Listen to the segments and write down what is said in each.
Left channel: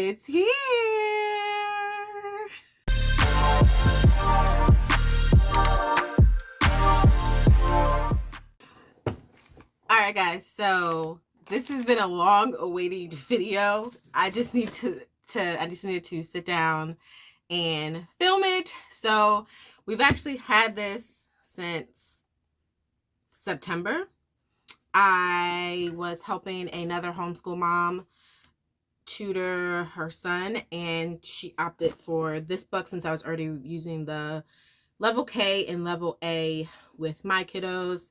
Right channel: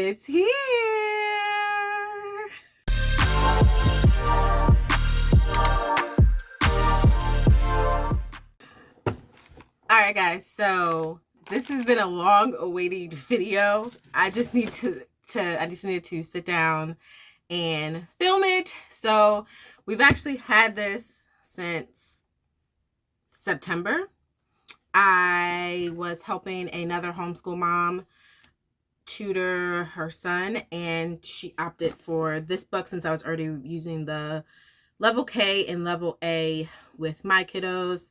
It's here. All right, guys. So this has been a long awaited video. I just need to sit down and film it. So we've actually had this since September. I was helping another homeschool mom tutor her son, and she opted for this book since I was already using the level K and level A with my kiddos.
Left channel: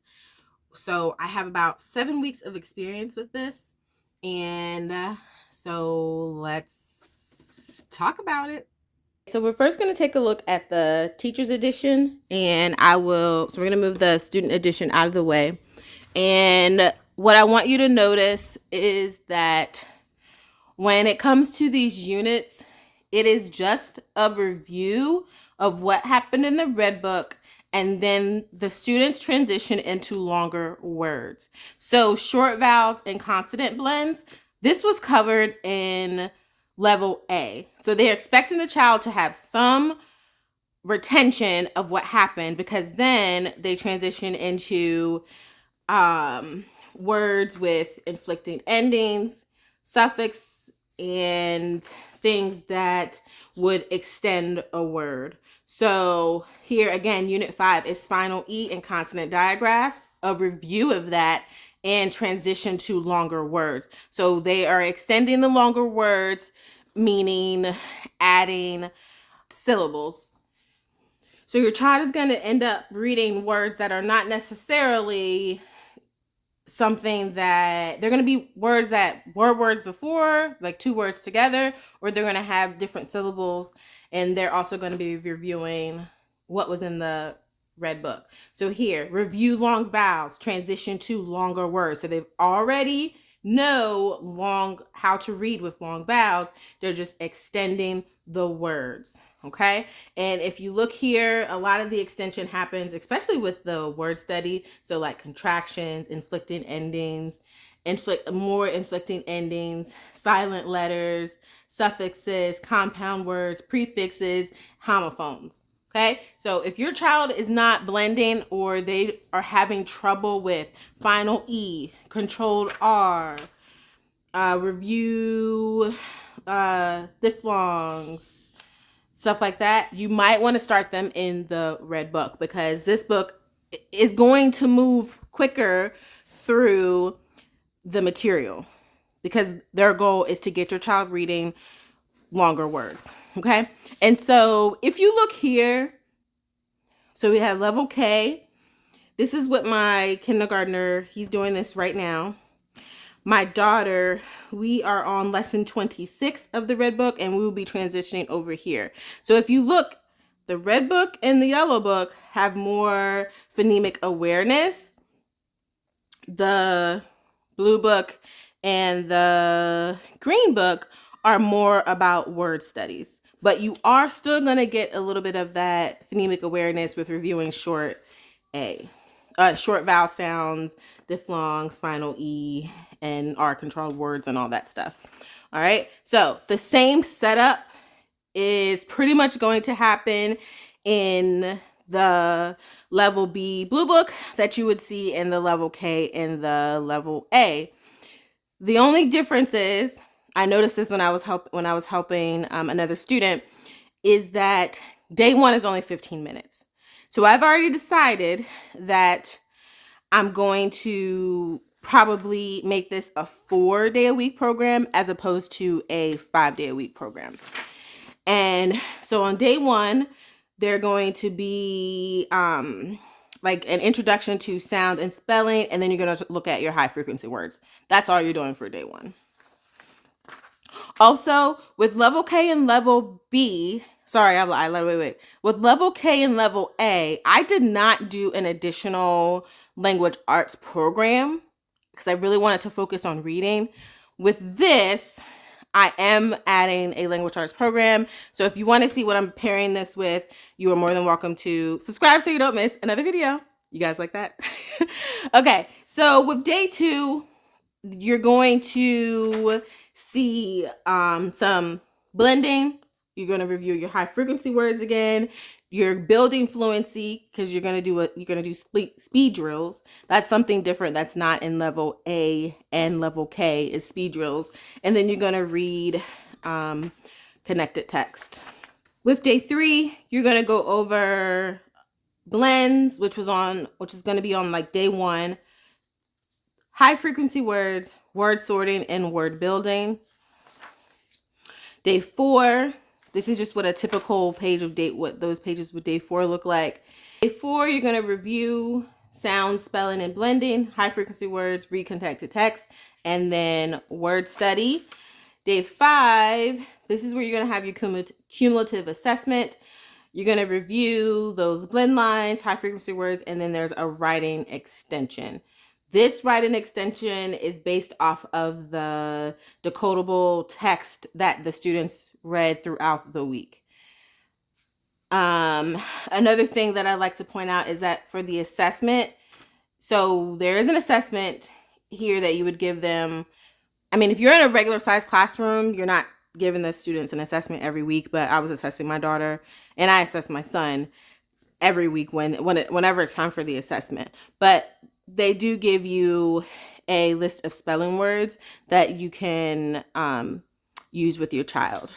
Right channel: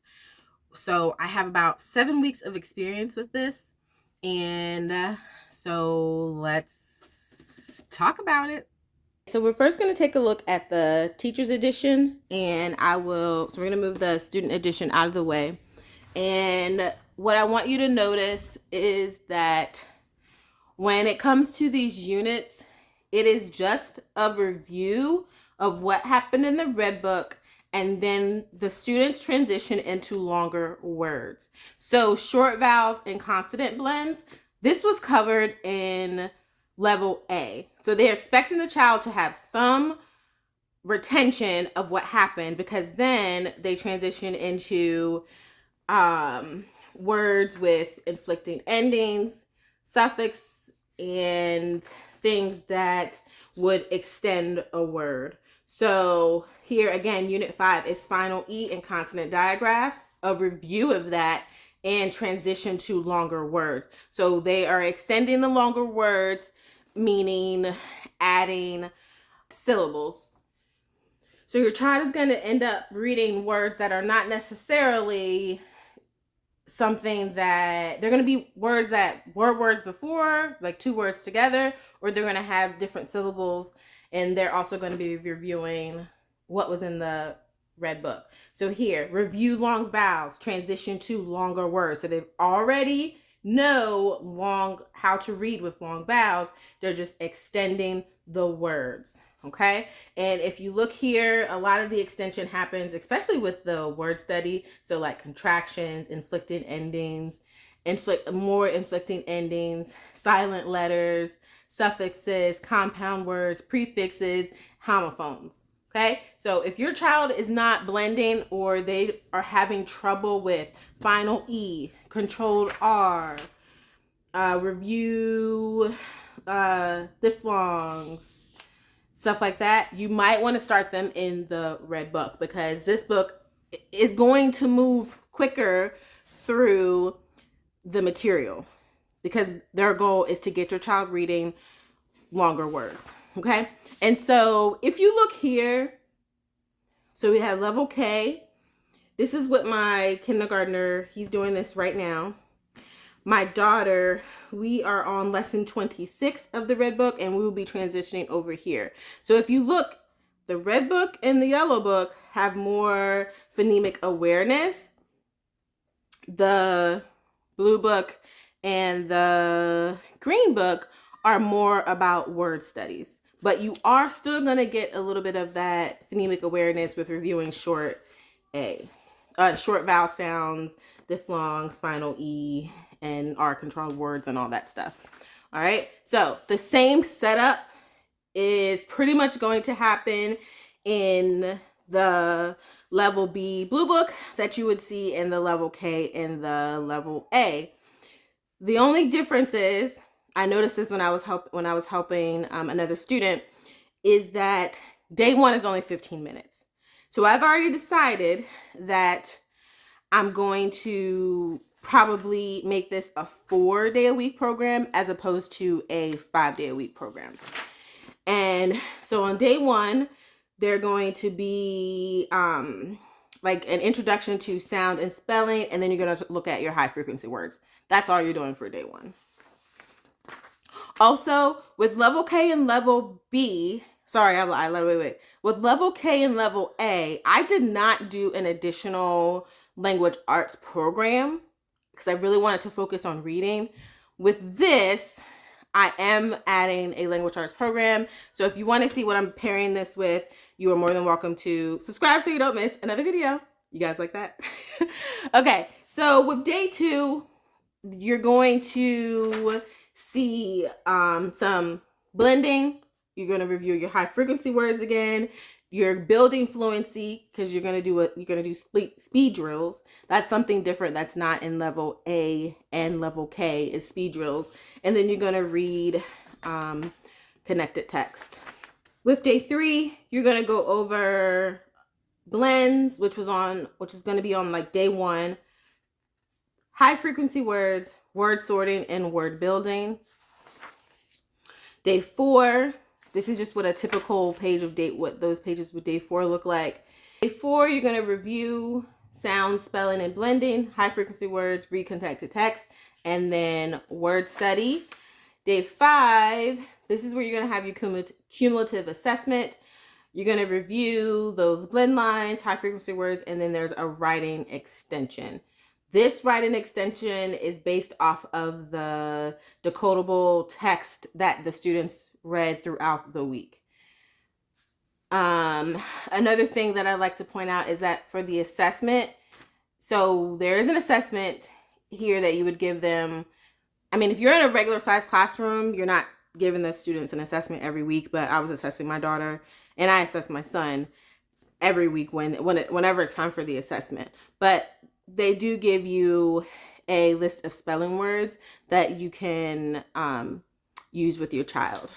So I have about 7 weeks of experience with this, and so let's talk about it. So we're first going to take a look at the teacher's edition, and so we're going to move the student edition out of the way. And what I want you to notice is that when it comes to these units, it is just a review of what happened in the red book, and then the students transition into longer words. So short vowels and consonant blends, this was covered in level A. So they're expecting the child to have some retention of what happened, because then they transition into words with inflecting endings, suffix, and things that would extend a word. So here again, unit 5 is final E and consonant digraphs, a review of that, and transition to longer words. So they are extending the longer words, meaning adding syllables. So your child is going to end up reading words that are not necessarily something that they're going to be words that were words before, like 2 words together, or they're going to have different syllables, and they're also going to be reviewing what was in the red book. So here, review long vowels, transition to longer words. So they've already know how to read with long vowels. They're just extending the words. Okay, and if you look here, a lot of the extension happens, especially with the word study. So like contractions, inflecting endings, inflecting endings, silent letters, suffixes, compound words, prefixes, homophones. Okay, so if your child is not blending, or they are having trouble with final E, controlled R, review, diphthongs, stuff like that, you might want to start them in the red book, because this book is going to move quicker through the material, because their goal is to get your child reading longer words. Okay, and so if you look here, so we have level K. This is what my kindergartner, he's doing this right now. My daughter, we are on lesson 26 of the red book, and we will be transitioning over here. So if you look, the red book and the yellow book have more phonemic awareness. The blue book and the green book are more about word studies. But you are still going to get a little bit of that phonemic awareness with reviewing short vowel sounds, diphthongs, final E, and R controlled words and all that stuff. All right, so the same setup is pretty much going to happen in the level B blue book that you would see in the level K in the level A. The only difference is, I noticed this when I was helping another student, is that day 1 is only 15 minutes. So I've already decided that I'm going to probably make this a 4-day-a-week program as opposed to a 5-day-a-week program. And so on day 1, they're going to be like an introduction to sound and spelling, and then you're going to look at your high frequency words. That's all you're doing for day 1. Also, with level K and level B, with level K and level A, I did not do an additional language arts program because I really wanted to focus on reading. With this, I am adding a language arts program. So if you want to see what I'm pairing this with, you are more than welcome to subscribe so you don't miss another video. You guys like that? Okay, so with day 2, you're going to see some blending. You're going to review your high frequency words again. You're building fluency because you're going to do speed drills. That's something different that's not in level A and level K is speed drills. And then you're going to read connected text. With day 3, you're going to go over blends, which is going to be on like day 1. High frequency words, word sorting, and word building. Day 4, this is just what a typical page of what those pages with day 4 look like. Day 4, you're going to review sound, spelling, and blending, high frequency words, read connected text, and then word study. Day 5, this is where you're going to have your cumulative assessment. You're going to review those blend lines, high frequency words, and then there's a writing extension. This writing extension is based off of the decodable text that the students read throughout the week. Another thing that I'd like to point out is that for the assessment, so there is an assessment here that you would give them. I mean, if you're in a regular size classroom, you're not giving the students an assessment every week, but I was assessing my daughter and I assess my son every week whenever it's time for the assessment. But they do give you a list of spelling words that you can use with your child.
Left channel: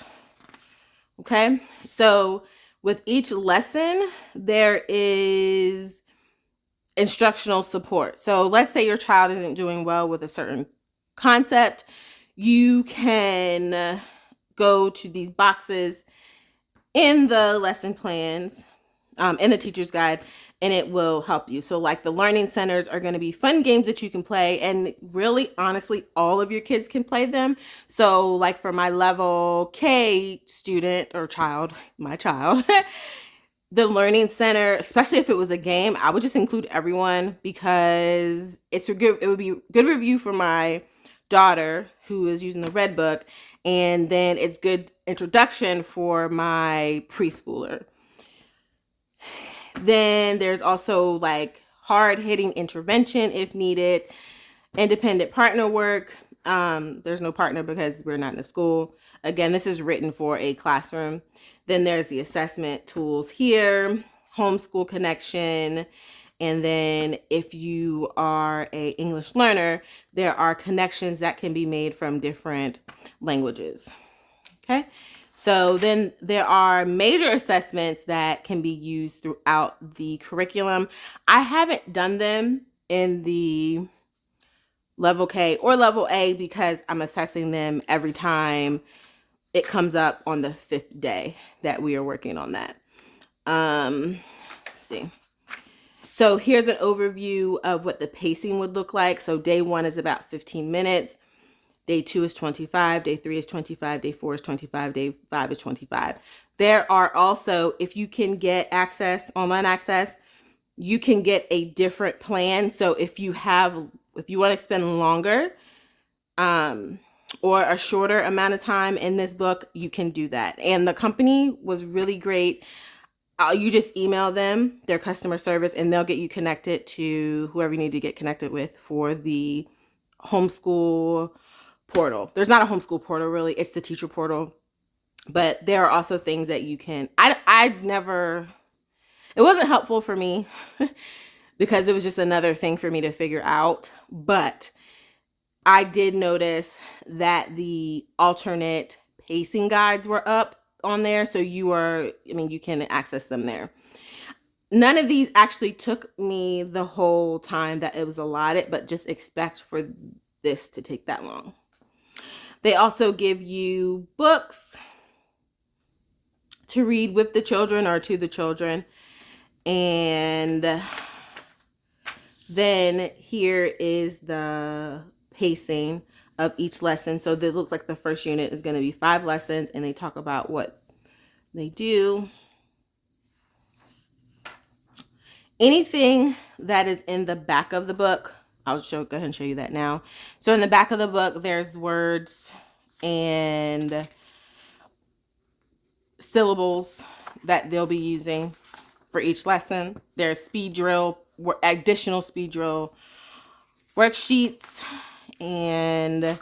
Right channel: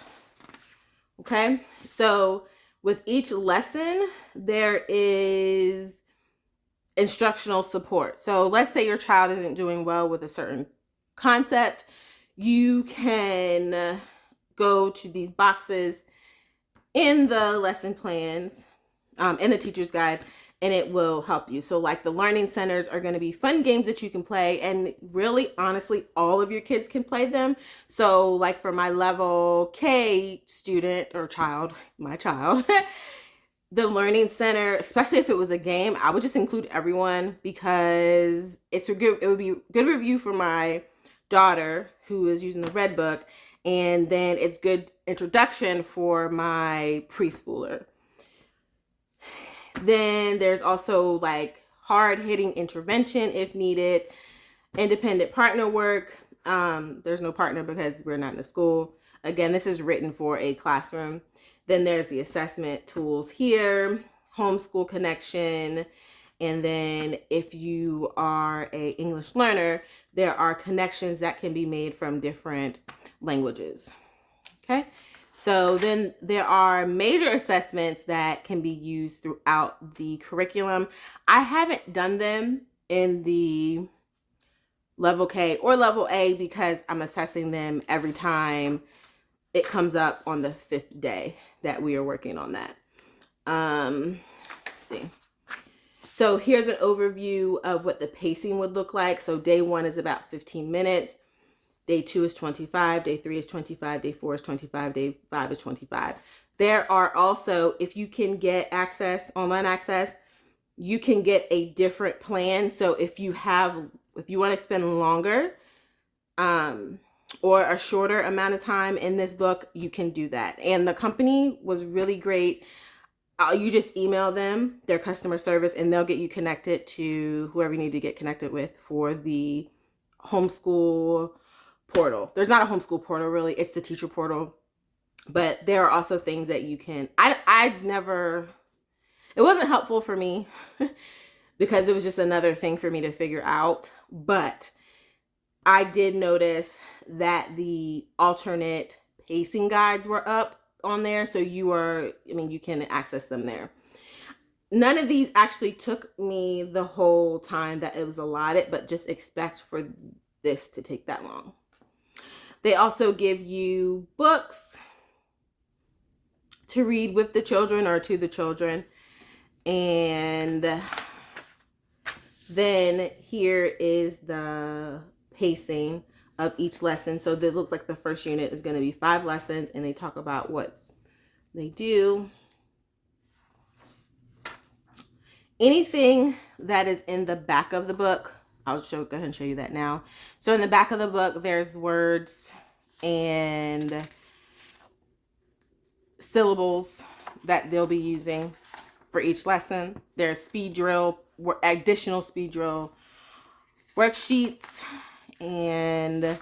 Okay, so with each lesson, there is instructional support. So let's say your child isn't doing well with a certain concept. You can go to these boxes in the lesson plans, in the teacher's guide, and it will help you. So like the learning centers are going to be fun games that you can play, and really, honestly, all of your kids can play them. So like for my level K student or child, my child, the learning center, especially if it was a game, I would just include everyone because it would be a good review for my daughter who is using the red book, and then it's good introduction for my preschooler. Then there's also like hard-hitting intervention if needed, independent partner work. There's no partner because we're not in a school. Again, this is written for a classroom. Then there's the assessment tools here, homeschool connection, and then if you are a English learner, there are connections that can be made from different languages. Okay. So then there are major assessments that can be used throughout the curriculum. I haven't done them in the level K or level A because I'm assessing them every time it comes up on the 5th day that we are working on that. Let's see. So here's an overview of what the pacing would look like. So day 1 is about 15 minutes. Day 2 is 25, day 3 is 25, day 4 is 25, day 5 is 25. There are also, if you can get online access, you can get a different plan. So if you want to spend longer or a shorter amount of time in this book, you can do that. And the company was really great. You just email them, their customer service, and they'll get you connected to whoever you need to get connected with for the homeschool portal. There's not a homeschool portal really, it's the teacher portal, but there are also things that you can, it wasn't helpful for me because it was just another thing for me to figure out, but I did notice that the alternate pacing guides were up on there, so you can access them there. None of these actually took me the whole time that it was allotted, but just expect for this to take that long. They also give you books to read with the children or to the children. And then here is the pacing of each lesson. So it looks like the first unit is going to be 5 lessons, and they talk about what they do. Anything that is in the back of the book, I'll go ahead and show you that now. So in the back of the book, there's words and syllables that they'll be using for each lesson. There's additional speed drill worksheets, and I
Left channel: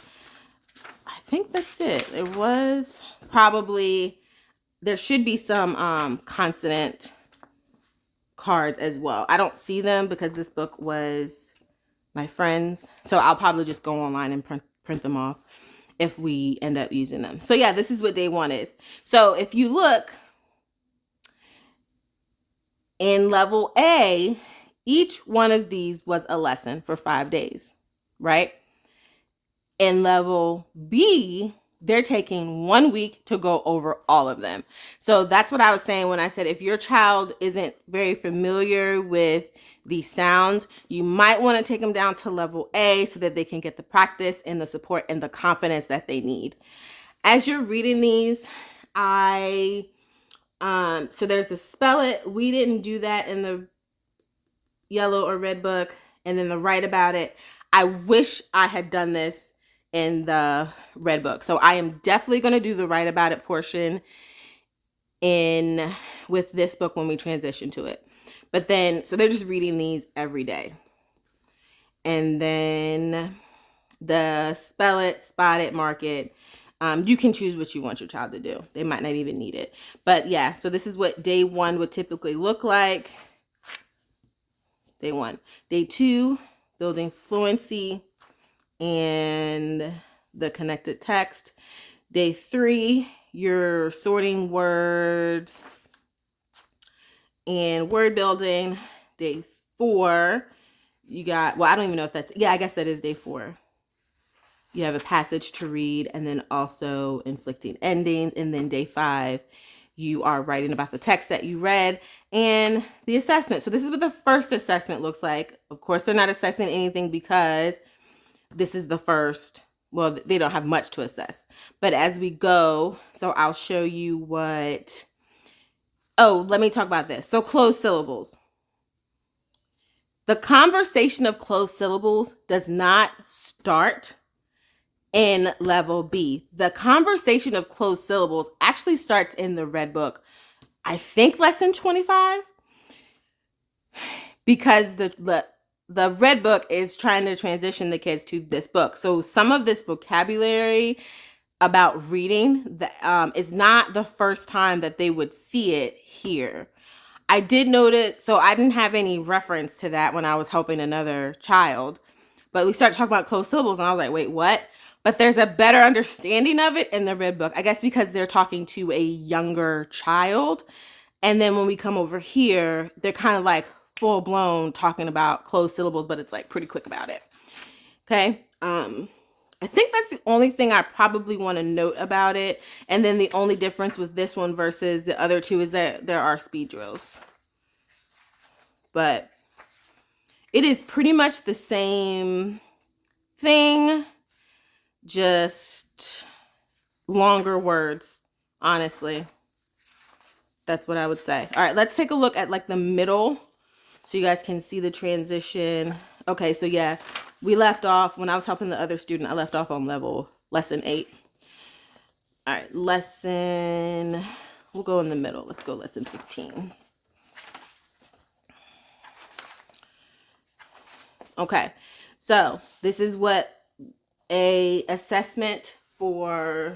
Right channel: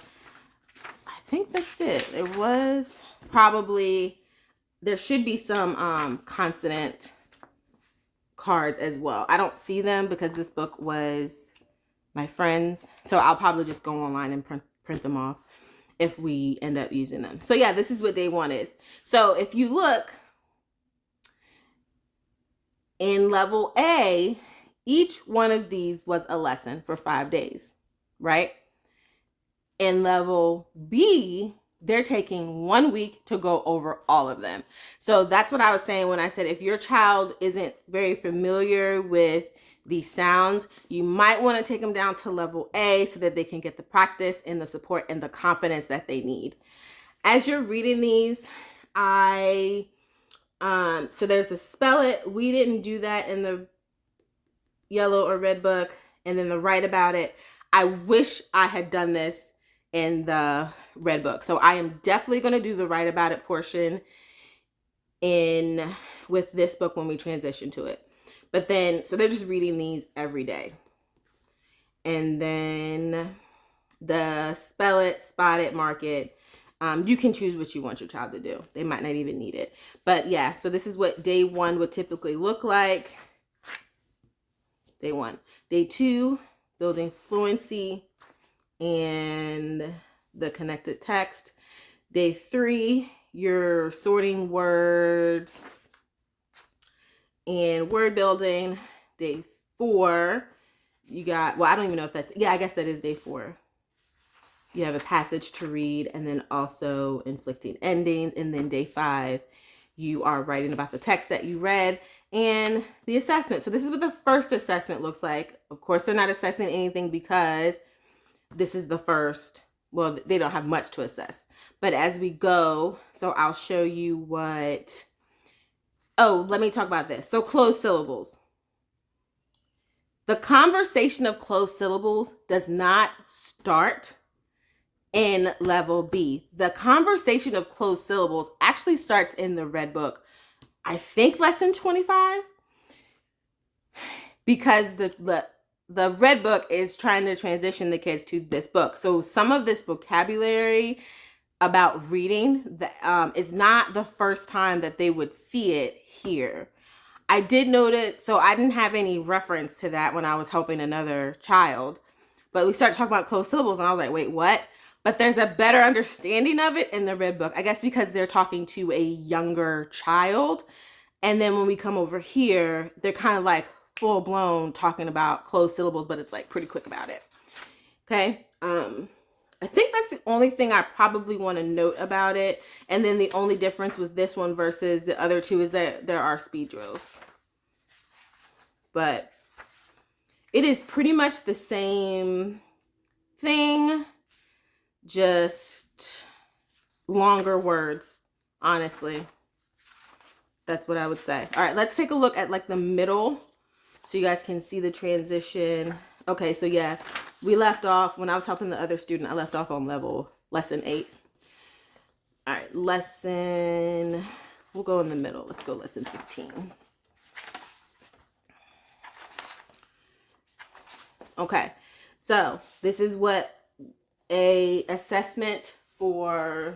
think that's it. It was probably, there should be some consonant cards as well. I don't see them because this book was my friend's, so I'll probably just go online and print them off if we end up using them. So yeah, this is what day 1 is. So if you look in level A, each one of these was a lesson for 5 days, right? In level B, they're taking 1 week to go over all of them. So that's what I was saying when I said if your child isn't very familiar with these sounds, you might want to take them down to level A so that they can get the practice and the support and the confidence that they need. As you're reading these, so there's the spell it. We didn't do that in the yellow or red book. And then the write about it. I wish I had done this in the red book. So I am definitely going to do the write about it portion with this book when we transition to it. But then, so they're just reading these every day. And then the spell it, spot it, mark it. You can choose what you want your child to do. They might not even need it. But yeah, so this is what day 1 would typically look like. Day 1. Day 2, building fluency and the connected text. Day 3, you're sorting words and word building. Day 4, you got, well, I don't even know if that's, yeah, I guess that is day 4. You have a passage to read and then also inflicting endings. And then day 5, you are writing about the text that you read and the assessment. So this is what the first assessment looks like. Of course, they're not assessing anything because this is the first. Well, they don't have much to assess. But as we go, so I'll show you what. Oh, let me talk about this. So closed syllables. The conversation of closed syllables does not start in level B. The conversation of closed syllables actually starts in the red book. I think lesson 25, because the red book is trying to transition the kids to this book. So some of this vocabulary about reading is not the first time that they would see it here. I did notice, so I didn't have any reference to that when I was helping another child, but we started talking about closed syllables and I was like, wait, what? But there's a better understanding of it in the red book, I guess because they're talking to a younger child. And then when we come over here, they're kind of like full blown talking about closed syllables, but it's like pretty quick about it. Okay. I think that's the only thing I probably want to note about it. And then the only difference with this one versus the other two is that there are speed drills. But it is pretty much the same thing, just longer words, honestly. That's what I would say. All right, let's take a look at like the middle so you guys can see the transition. Okay, so yeah, we left off, when I was helping the other student, I left off on lesson 8. All right, we'll go in the middle. Let's go lesson 15. Okay, so this is what a assessment for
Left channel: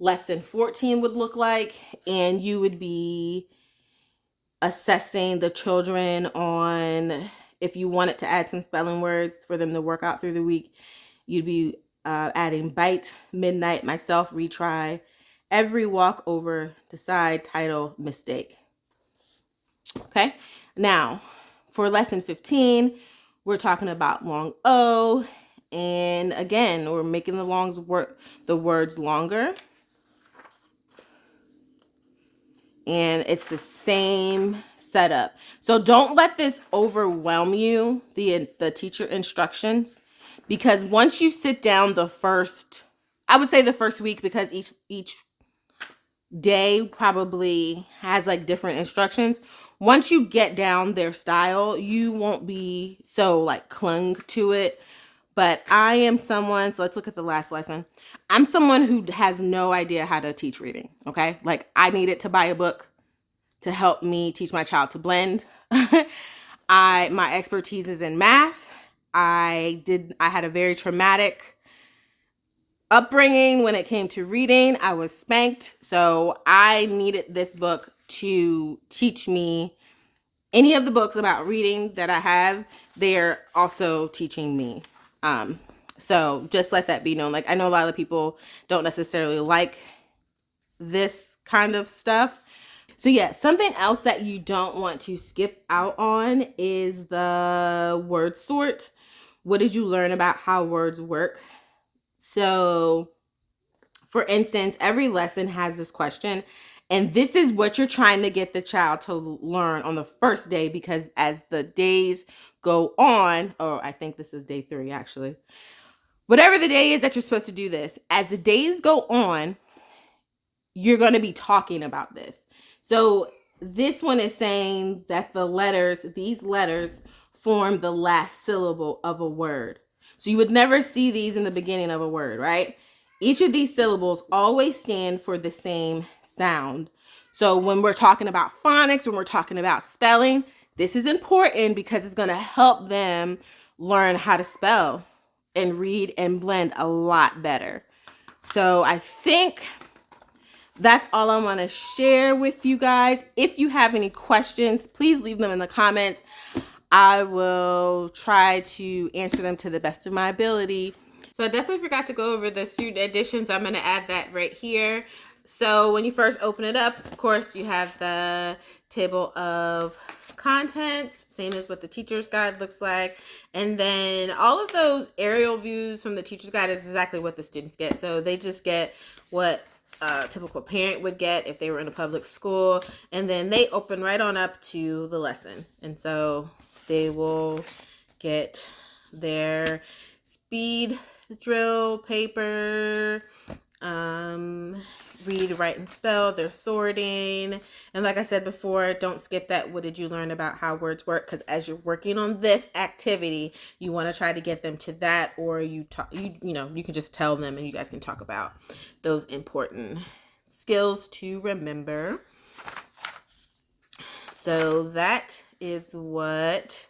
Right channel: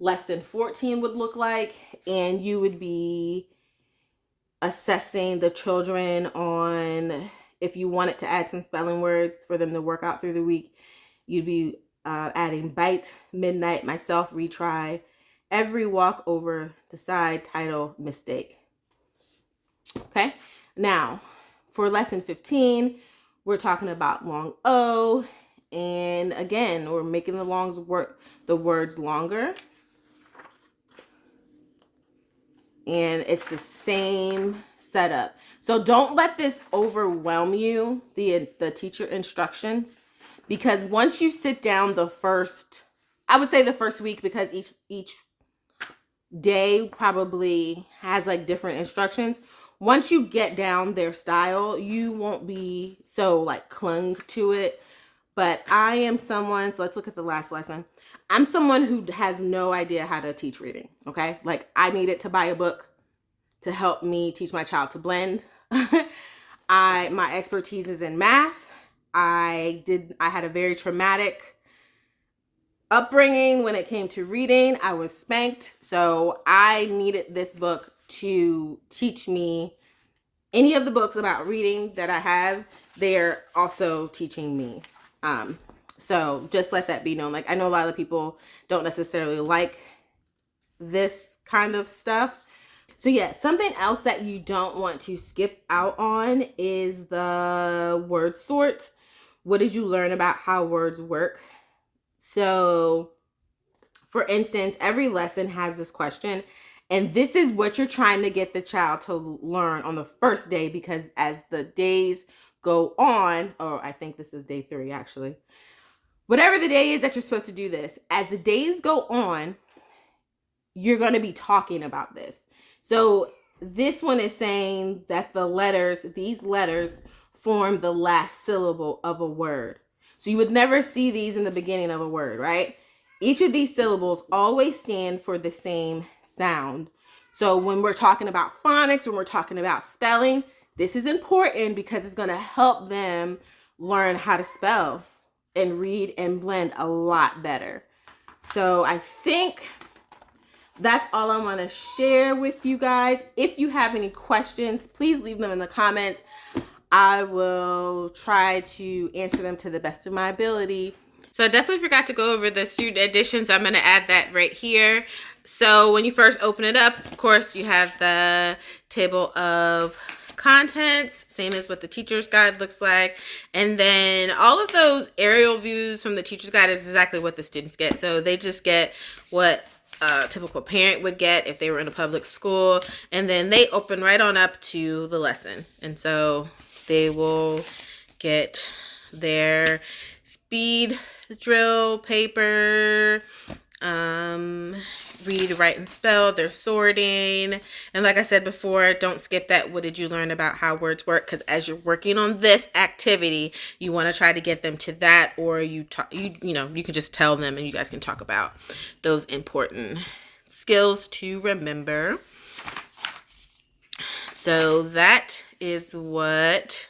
lesson 14 would look like, and you would be assessing the children on if you wanted to add some spelling words for them to work out through the week. You'd be adding bite, midnight, myself, retry, every walk over, decide, title, mistake. Okay, now for lesson 15, we're talking about long O, and again, we're making the words longer. And it's the same setup. So don't let this overwhelm you, the teacher instructions, because once you sit down I would say the first week, because each day probably has like different instructions. Once you get down their style, you won't be so like clung to it. But I am someone, so let's look at the last lesson. I'm someone who has no idea how to teach reading, okay? Like I needed to buy a book to help me teach my child to blend. My expertise is in math. I had a very traumatic upbringing when it came to reading. I was spanked, so I needed this book to teach me any of the books about reading that I have. They're also teaching me. So just let that be known. Like, I know a lot of people don't necessarily like this kind of stuff. So yeah, something else that you don't want to skip out on is the word sort. What did you learn about how words work? So for instance, every lesson has this question, and this is what you're trying to get the child to learn on the first day, because as the days go on, or I think this is day 3 actually, whatever the day is that you're supposed to do this, as the days go on, you're going to be talking about this. So this one is saying that these letters form the last syllable of a word. So you would never see these in the beginning of a word, right? Each of these syllables always stand for the same sound. So when we're talking about phonics, when we're talking about spelling, this is important because it's going to help them learn how to spell and read and blend a lot better. So I think that's all I want to share with you guys. If you have any questions, please leave them in the comments. I will try to answer them to the best of my ability. So I definitely forgot to go over the student edition, so I'm going to add that right here. So when you first open it up, of course, you have the table of contents, same as what the teacher's guide looks like. And then all of those aerial views from the teacher's guide is exactly what the students get. So they just get what a typical parent would get if they were in a public school. And then they open right on up to the lesson. And so they will get their speed drill paper, read, write, and spell, their sorting. And like I said before, don't skip that what did you learn about how words work, because as you're working on this activity, you want to try to get them to that, or you can just tell them and you guys can talk about those important skills to remember. So that is what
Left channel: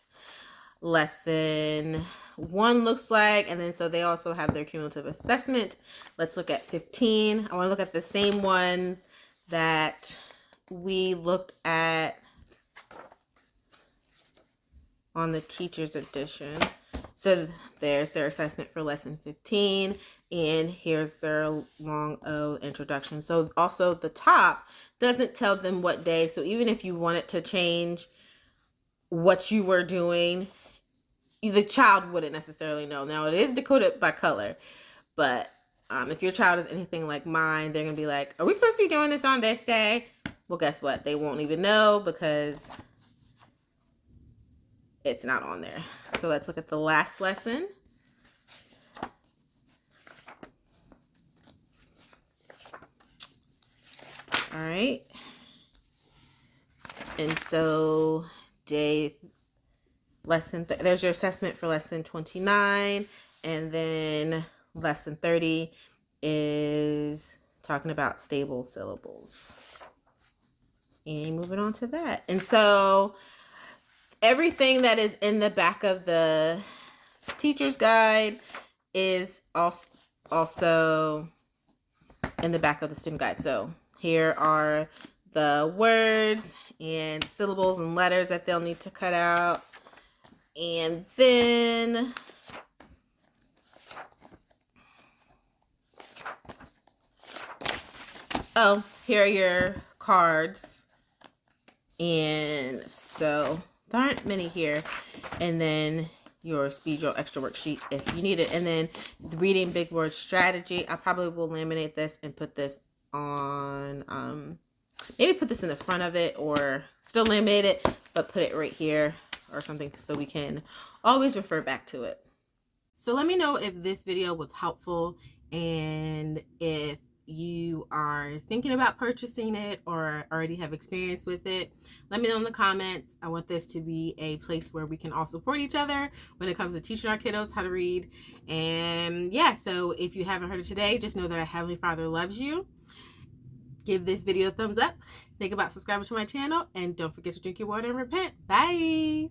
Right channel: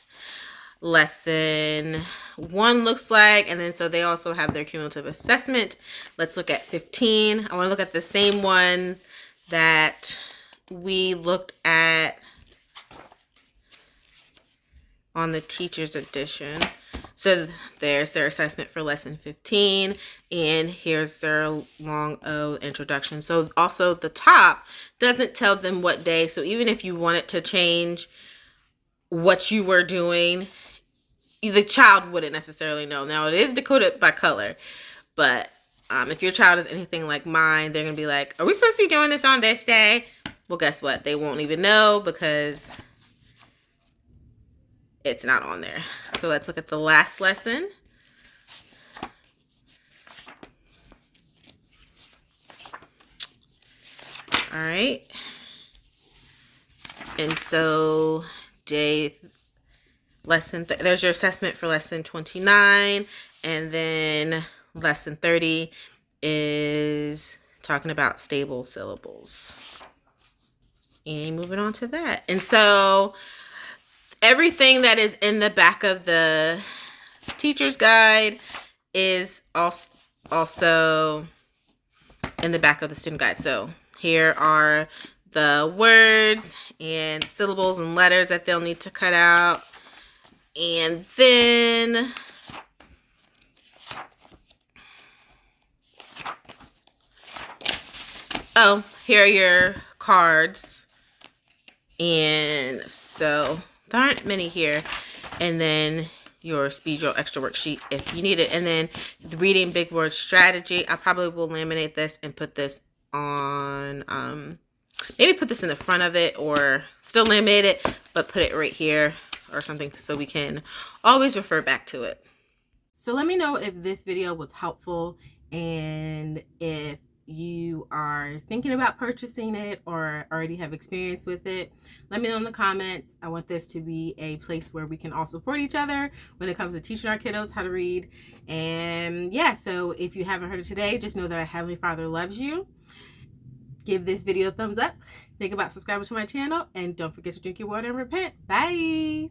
lesson 1 looks like. And then so they also have their cumulative assessment. Let's look at 15. I want to look at the same ones that we looked at on the teacher's edition. So there's their assessment for lesson 15, and here's their long O introduction. So also the top doesn't tell them what day. So even if you wanted to change what you were doing, the child wouldn't necessarily know. Now it is decoded by color, but if your child is anything like mine, they're gonna be like, are we supposed to be doing this on this day? Well, guess what? They won't even know because it's not on there. So let's look at the last lesson. All right. And so there's your assessment for lesson 29, and then lesson 30 is talking about stable syllables. And moving on to that. And so everything that is in the back of the teacher's guide is also in the back of the student guide. So here are the words and syllables and letters that they'll need to cut out. And then here are your cards. And so there aren't many here. And then your speed drill extra worksheet if you need it. And then the reading big word strategy. I probably will laminate this and put this on, maybe put this in the front of it, or still laminate it, but put it right here or something so we can always refer back to it. So let me know if this video was helpful, and if you are thinking about purchasing it or already have experience with it, let me know in the comments. I want this to be a place where we can all support each other when it comes to teaching our kiddos how to read. And yeah, so if you haven't heard it today, just know that our Heavenly Father loves you. Give this video a thumbs up. Think about subscribing to my channel, and don't forget to drink your water and repent. Bye.